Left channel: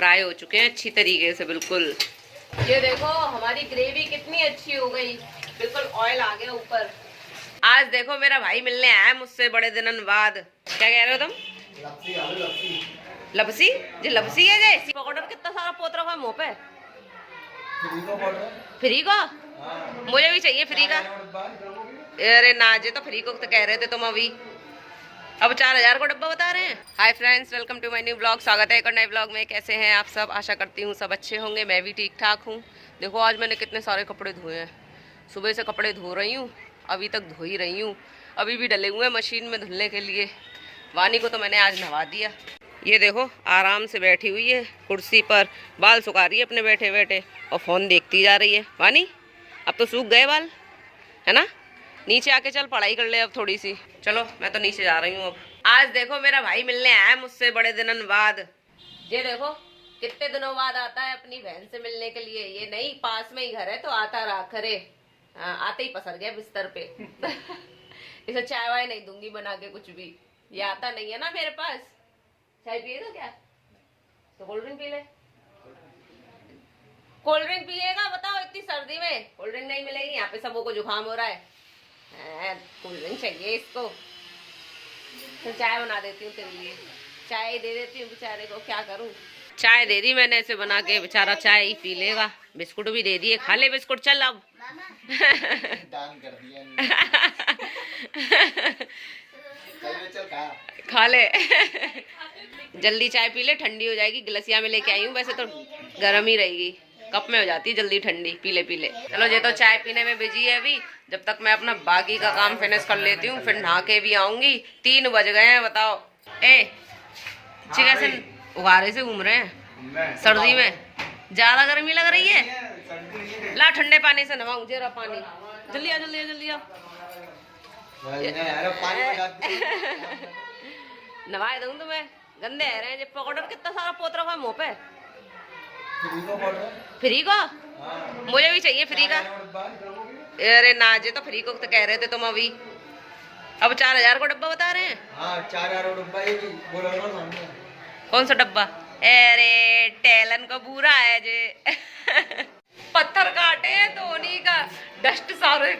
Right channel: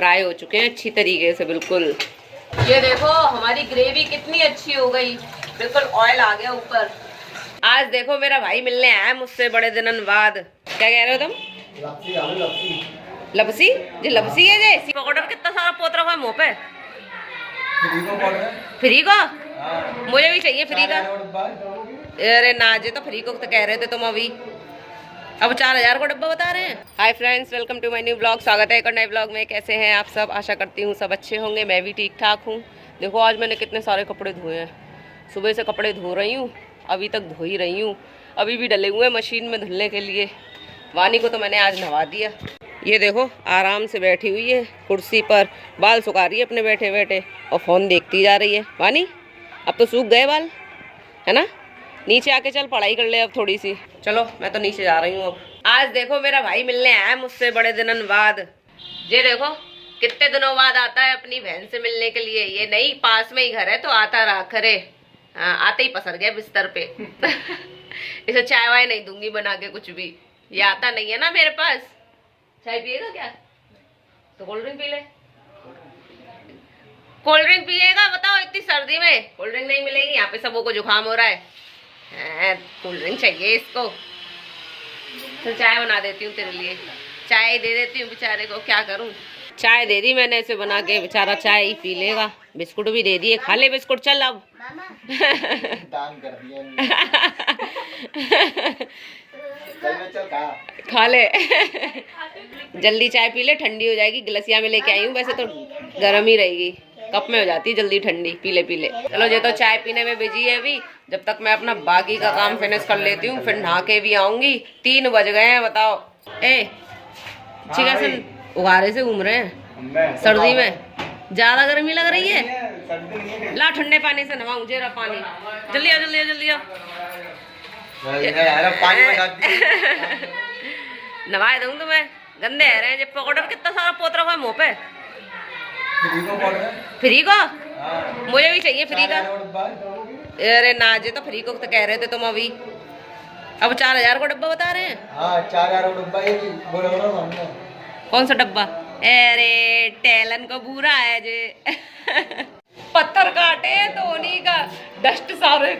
Fry हो चुके हैं अच्छी तरीके से बिल्कुल। ये देखो हमारी ग्रेवी कितनी अच्छी हो गई, बिल्कुल ऑयल आ गया ऊपर। आज देखो मेरा भाई मिलने आया मुझसे बड़े दिनों बाद। क्या कह रहे हो तुम? लपसी आलू लपसी। लपसी? जी लपसी है जे पकौड़ा कितना सारा पोत रखा है मुँह पे। फ्री को? मुझे भी चाहिए फ्री का। अरे ना जे तो फ्री को तो कह रहे थे तुम अभी, अब 4000 को डब्बा बता रहे हैं। Hi friends, welcome to my new blog. स्वागत है एक और नए ब्लॉग में। कैसे हैं आप सब? आशा करती हूँ सब अच्छे होंगे। मैं भी ठीक ठाक हूँ। देखो आज मैंने कितने सारे कपड़े धोए हैं। सुबह से कपड़े धो रही हूँ, अभी तक धो ही रही हूँ। अभी भी डले हुए हैं मशीन में धुलने के लिए। वानी को तो मैंने आज नहवा दिया। ये देखो आराम से बैठी हुई है कुर्सी पर, बाल सुखा रही है अपने बैठे बैठे और फ़ोन देखती जा रही है। वानी अब तो सूख गए बाल, है ना? नीचे आके चल पढ़ाई कर ले अब थोड़ी सी। चलो मैं तो नीचे जा रही हूँ अब। आज देखो मेरा भाई मिलने आया मुझसे बड़े दिनों बाद। ये देखो कितने दिनों बाद आता है अपनी बहन से मिलने के लिए। ये नहीं पास में ही घर है तो आता रहा करे। आते ही पसर गया बिस्तर पे। इसे चाय वाय नहीं दूंगी बना के कुछ भी, ये आता नहीं है ना मेरे पास। चाय पिएगा क्या? तो कोल्ड ड्रिंक पी ले। कोल्ड ड्रिंक पिएगा? बताओ इतनी सर्दी में कोल्ड ड्रिंक नहीं मिलेगी। यहाँ पे सबों को जुकाम हो रहा है, कोल्ड ड्रिंक चाहिए इसको। तो चाय बना देती हूँ तेरे लिए, चाय दे देती हूँ बेचारे को। क्या करूँ, चाय दे दी मैंने इसे बना के, बेचारा चाय ही पी लेगा। बिस्कुट भी दे दिए, खा ले बिस्कुट चल अब। दान कर दिया। खा ले। जल्दी चाय पी ले, ठंडी हो जाएगी। गिलसिया में लेके आई हूँ, वैसे तो गर्म ही रहेगी, कप में हो जाती है जल्दी ठंडी। पी ले पी ले। चलो ये तो चाय पीने में बिजी है अभी। जब तक मैं अपना बाकी का काम फिनिश कर लेती हूँ, फिर नहा के भी आऊंगी। 3 बज गए हैं बताओ। कैसे उगारे से घूम रहे हैं सर्दी में? ज्यादा गर्मी लग रही है? ला ठंडे पानी से नहाऊं। जरा पानी जल्दी आ जल्दी आ जल्दी आ। नवाए दूं तुम्हें, गंदे आ रहे हैं। जब पकौड़े कितना सारा पोत रखा है मुँह पे। फ्री को? मुझे भी चाहिए फ्री का। अरे ना जे तो फ्री को तो कह रहे थे तुम अभी, अब 4000 को डब्बा बता रहे हैं। हाँ 4000 को डब्बा है। बोलो कौन सा डब्बा? अरे टेलन को बुरा है जे। पत्थर काटे तो उन्हीं का डस्ट सारे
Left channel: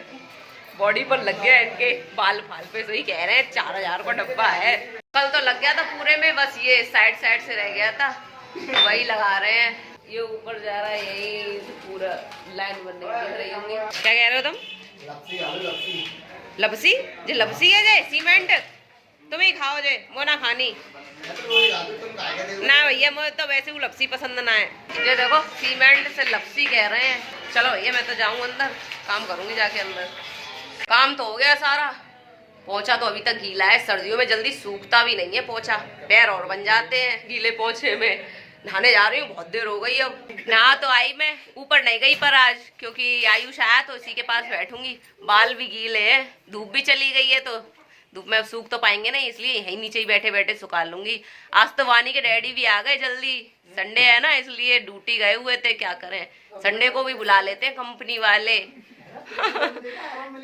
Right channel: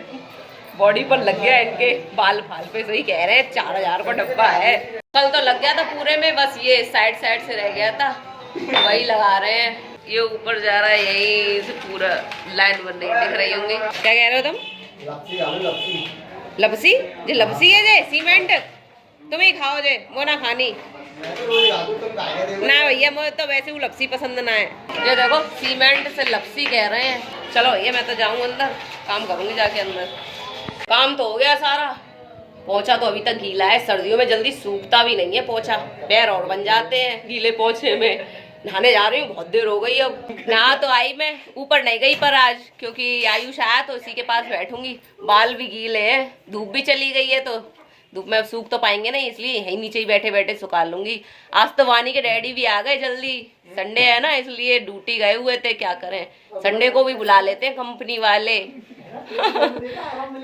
बॉडी पर लग गया इनके, बाल फाल पे। सही कह रहे हैं 4000 को डब्बा है। कल तो लग गया था पूरे में, बस ये साइड साइड से रह गया था, वही लगा रहे हैं। ये ऊपर जा रहा है, यही से पूरा लाइन बन नहीं दिख रही होंगी। क्या कह रहे हो तुम? लपसी आलू लपसी। लपसी? जी लपसी है जे सीमेंट। तुम ही खाओ जे, वो ना खानी ना भैया। मुझे तो वैसे वो लपसी पसंद ना है। ये देखो सीमेंट से लपसी कह रहे हैं। चलो भैया मैं तो जाऊँ अंदर, काम करूंगी जाके अंदर। काम तो हो गया सारा, पोछा तो अभी तक गीला है। सर्दियों में जल्दी सूखता भी नहीं है पोछा, पैर और बन जाते हैं गीले पोछे में। नहाने जा रही हूँ, बहुत देर हो गई। अब नहा तो आई, मैं ऊपर नहीं गई पर आज, क्योंकि आयुष आया तो इसी के पास बैठूंगी। बाल भी गीले हैं, धूप भी चली गई है तो धूप में अब सूख तो पाएंगे नहीं, इसलिए यहीं नीचे ही बैठे बैठे सुखा लूंगी। आज तो वानी के डैडी भी आ गए जल्दी, संडे है ना इसलिए ड्यूटी गए हुए थे। क्या करें, संडे को भी बुला लेते हैं कंपनी वाले।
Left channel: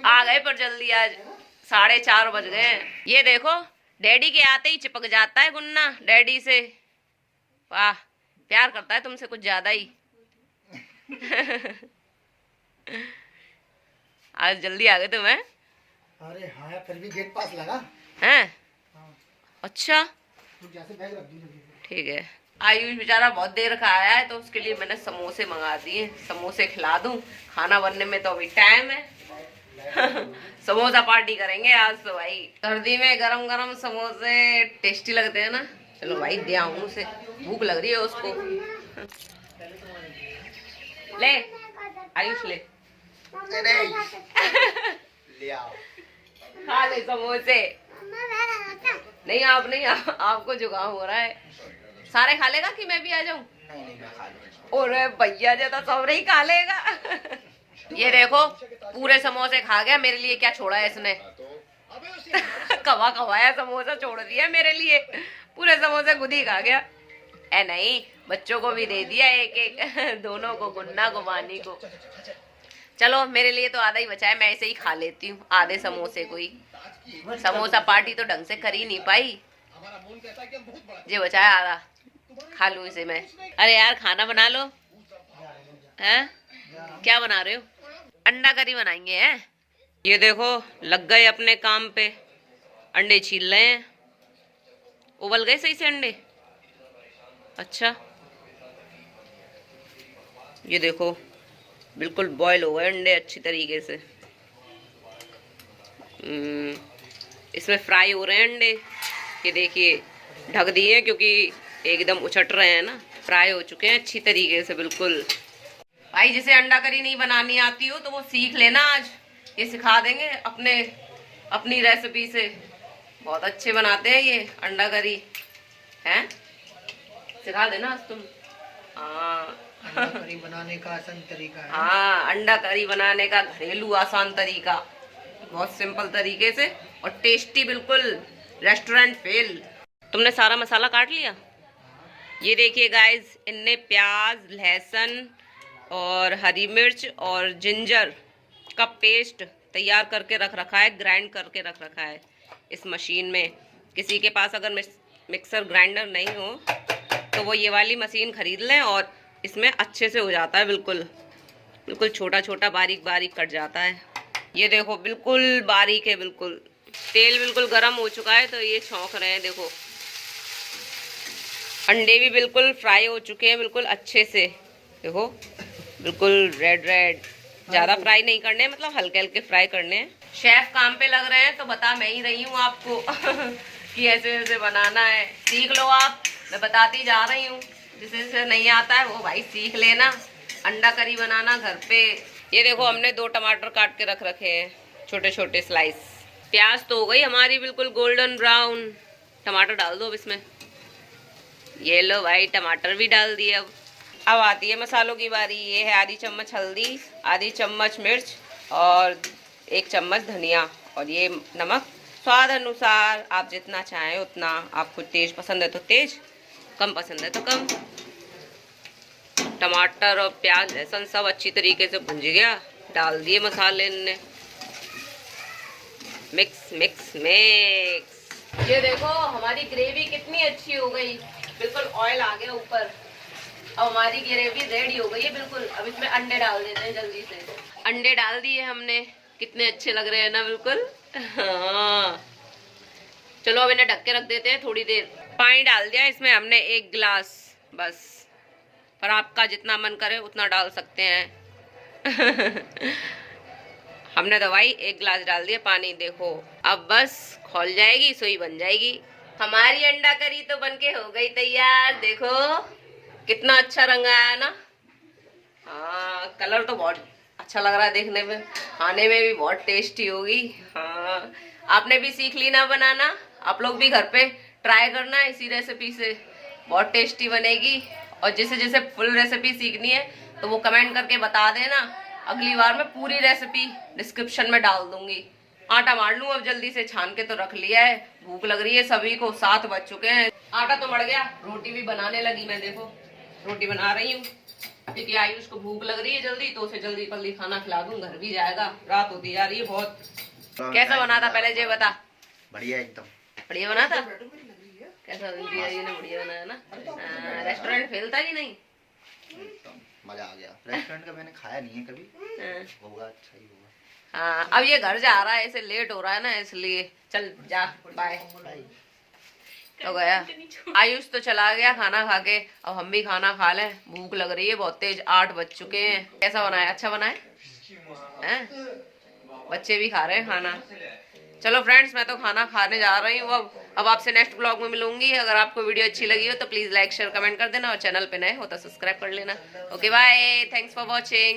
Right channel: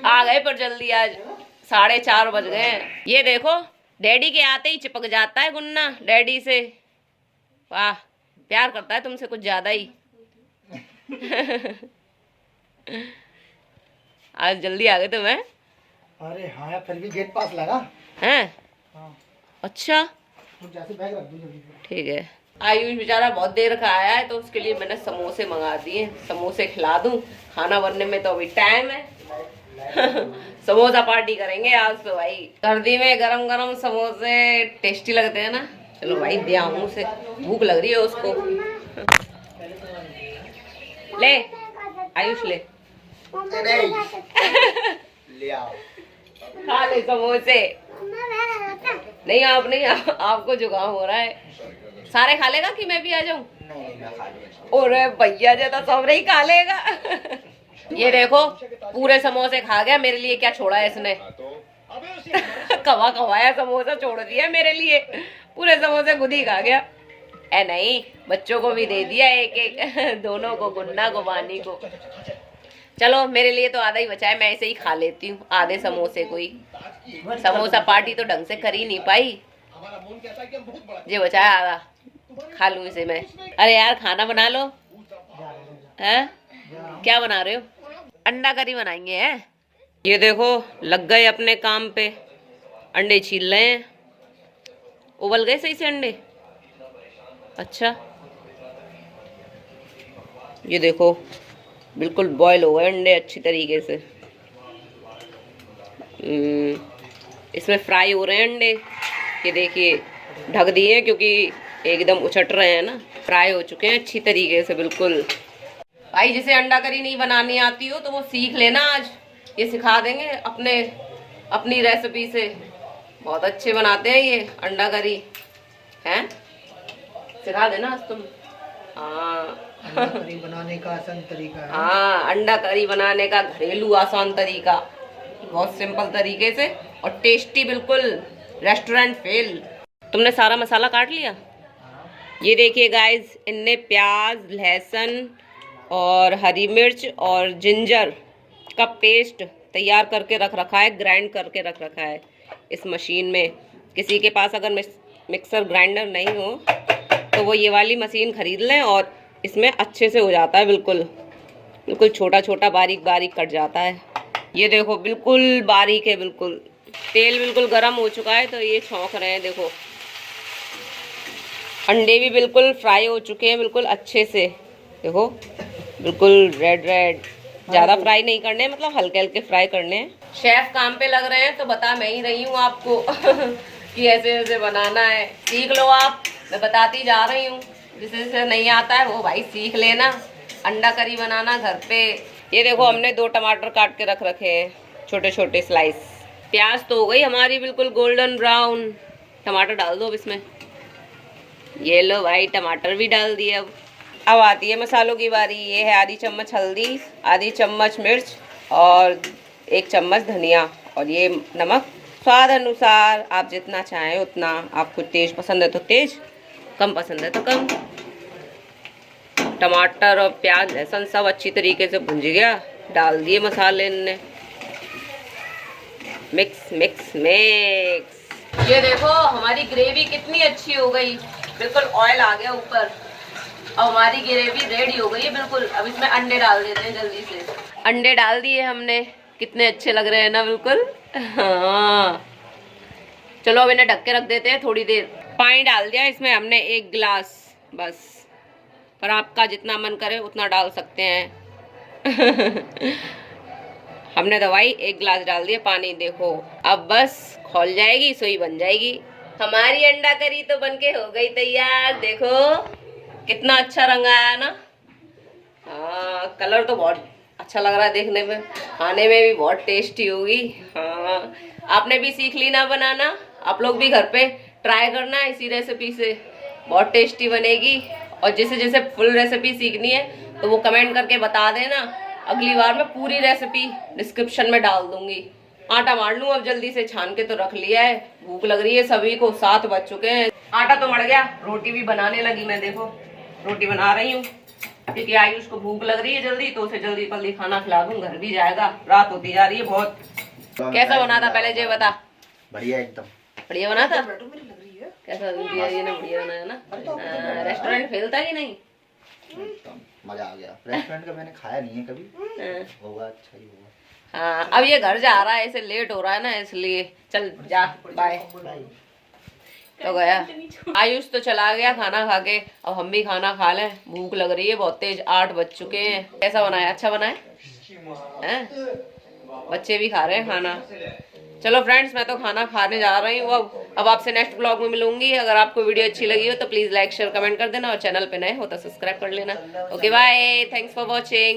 आ गए पर जल्दी, आज 4:30 बज गए। ये देखो डैडी के आते ही चिपक जाता है गुन्ना डैडी से। वाह, प्यार करता है तुमसे कुछ ज्यादा ही। आज जल्दी आ गए तुम हैं? अरे हाँ यार, फिर भी गेट पास लगा हैं? हाँ। अच्छा जैसे बैग रख दूं जल्दी। ठीक है। आयुष बेचारा बहुत देर का आया है तो उसके लिए मैंने समोसे मंगा दिए, समोसे खिला दूं। खाना बनने में तो अभी टाइम है। समोसा पार्टी करेंगे आज तो भाई। सर्दी में गरम गरम समोसे टेस्टी लगते हैं ना। चलो भाई दे आऊं उसे, भूख लग रही है उसको। ले आयुष ले। ले आओ, खा ले समोसे। नहीं आप नहीं, आपको जुकाम हो रहा है। सारे खा लेगा कि मैं भी आ जाऊं? नहीं मैं खा लूंगा। अरे भैया जो तो सब नहीं खा लेगा। ये देखो पूरे समोसे खा गया, मेरे लिए क्या छोड़ा है इसने? कवा कवाया समोसा छोड़ दिया मेरे लिए, पूरे समोसे खुद ही खा गया। ए नहीं, बच्चों को भी दे दिया एक एक, दोनों को, गुन्ना को, वानी को। चलो मेरे लिए तो आधा ही बचा है, मैं ऐसे ही खा लेती हूँ आधे समोसे को ही। समोसा पार्टी तो ढंग से कर ही नहीं पाई, ये बचा है आधा। खा लूं इसे मैं। अरे यार खाना बना लो। हैं? क्या बना रहे हो? अंडा करी बनाएंगे हैं। ये देखो लग गए अपने काम पे, अंडे छील रहे हैं। उबल गए सही से अंडे? अच्छा, ये देखो बिल्कुल बॉयल हो गए अंडे अच्छी तरीके से। इसमें फ्राई हो रहे हैं अंडे। ये देखिए ढक दिए क्योंकि एकदम उछट रहे हैं ना। फ्राई हो चुके हैं अच्छी तरीके से बिल्कुल। भाई जिसे अंडा करी नहीं बनानी आती हो तो वो सीख लेना आज, ये सिखा देंगे अपनी रेसिपी से। बहुत अच्छे बनाते हैं ये अंडा करी हैं, सिखा देना आज तुम। हाँ करी बनाने का आसान तरीका है। हाँ, अंडा करी बनाने का घरेलू आसान तरीका, बहुत सिंपल तरीके से और टेस्टी बिल्कुल, रेस्टोरेंट फेल। तुमने सारा मसाला काट लिया? ये देखिए गाइस, इनने प्याज, लहसुन और हरी मिर्च और जिंजर का पेस्ट तैयार करके रख रखा है, ग्राइंड करके रख रखा है इस मशीन में। किसी के पास अगर मिक्सर ग्राइंडर नहीं हो तो वो ये वाली मशीन खरीद लें और इसमें अच्छे से हो जाता है, बिल्कुल बिल्कुल छोटा छोटा बारीक बारीक कट जाता है। ये देखो बिल्कुल बारीक है बिल्कुल। तेल बिल्कुल गर्म हो चुका है तो ये छौंक रहे हैं। देखो अंडे भी बिल्कुल फ्राई हो चुके हैं बिल्कुल अच्छे से। देखो बिल्कुल रेड रेड, ज़्यादा फ्राई नहीं करने, मतलब हल्के हल्के फ्राई करने हैं। शेफ काम पे लग रहे हैं तो बता मैं ही रही हूँ आपको कि ऐसे ऐसे बनाना है, सीख लो आप। मैं बताती जा रही हूँ, जिसे नहीं आता है वो भाई सीख लेना अंडा करी बनाना घर पे। ये देखो हमने 2 टमाटर काट के रख रखे हैं छोटे छोटे स्लाइस। प्याज तो हो गई हमारी बिल्कुल गोल्डन ब्राउन। टमाटर डाल दो अब इसमें। ये लो भाई टमाटर भी डाल दिए। अब आती है मसालों की बारी। ये है आधी चम्मच हल्दी, आधी चम्मच मिर्च और 1 चम्मच धनिया, और ये नमक स्वाद अनुसार, आप जितना चाहें उतना। आपको तेज पसंद है तो तेज, कम पसंद है तो कम। टमाटर और प्याज लहसुन सब अच्छी तरीके से भुंज गया, डाल दिए मसाले इनने। Mix mix mix. ये देखो हमारी ग्रेवी कितनी अच्छी हो गई, बिल्कुल ऑयल आ गया ऊपर। अब हमारी ग्रेवी रेडी हो गई है बिल्कुल। अब इसमें अंडे डाल देते हैं जल्दी से। अंडे डाल दिए हमने, कितने अच्छे लग रहे हैं ना बिल्कुल। हाँ चलो अब इन्हें ढक के रख देते हैं थोड़ी देर। पानी डाल दिया इसमें हमने 1 गिलास बस, पर आपका जितना मन करे उतना डाल सकते हैं। हमने दवाई 1 गिलास डाल दिया पानी। देखो अब बस खौल जाएगी, सोई बन जाएगी। हमारी अंडा करी तो बनके हो गई तैयार। देखो कितना अच्छा रंग आया ना। हाँ कलर तो बहुत अच्छा लग रहा है देखने में, खाने में भी बहुत टेस्टी होगी। हाँ आपने भी सीख ली ना बनाना, आप लोग भी घर पे ट्राई करना इसी रेसिपी से, बहुत टेस्टी बनेगी। और जिसे फुल रेसिपी सीखनी है तो वो कमेंट करके बता देना, अगली बार मैं पूरी रेसिपी डिस्क्रिप्शन में डाल दूंगी। आटा मार लूं अब जल्दी से, छान के तो रख लिया है। भूख लग रही है सभी को, 7 बज चुके हैं। आटा तो मड़ गया, रोटी भी बनाने लगी मैं। देखो रोटी बना रही हूँ क्योंकि आयुष को भूख लग रही है जल्दी, तो उसे जल्दी जल्दी खाना खिला दूं, घर भी जाएगा, रात होती जा रही है बहुत। कैसा बना था पहले ये बता। बढ़िया एकदम बढ़िया बना था। कैसा ये ना बढ़िया बनाया ना। रेस्टोरेंट फेल था कि नहीं? मजा आ गया। रेस्टोरेंट का मैंने खाया नहीं है कभी, होगा अच्छा ही होगा। हाँ अब ये घर जा रहा है, ऐसे लेट हो रहा है ना इसलिए। चल जा, बाय। तो गया आयुष तो चला गया खाना खा के। अब हम भी खाना खा लें, भूख लग रही है बहुत तेज। 8 बज चुके हैं। कैसा बनाया? अच्छा बनाया है? बच्चे भी खा रहे हैं खाना। चलो फ्रेंड्स मैं तो खाना खाने जा रही हूँ अब आपसे नेक्स्ट ब्लॉग में मिलूंगी। अगर आपको वीडियो अच्छी लगी हो तो प्लीज लाइक शेयर कमेंट कर देना, और चैनल पे नए हो तो सब्सक्राइब कर लेना। Okay bye, thanks for watching.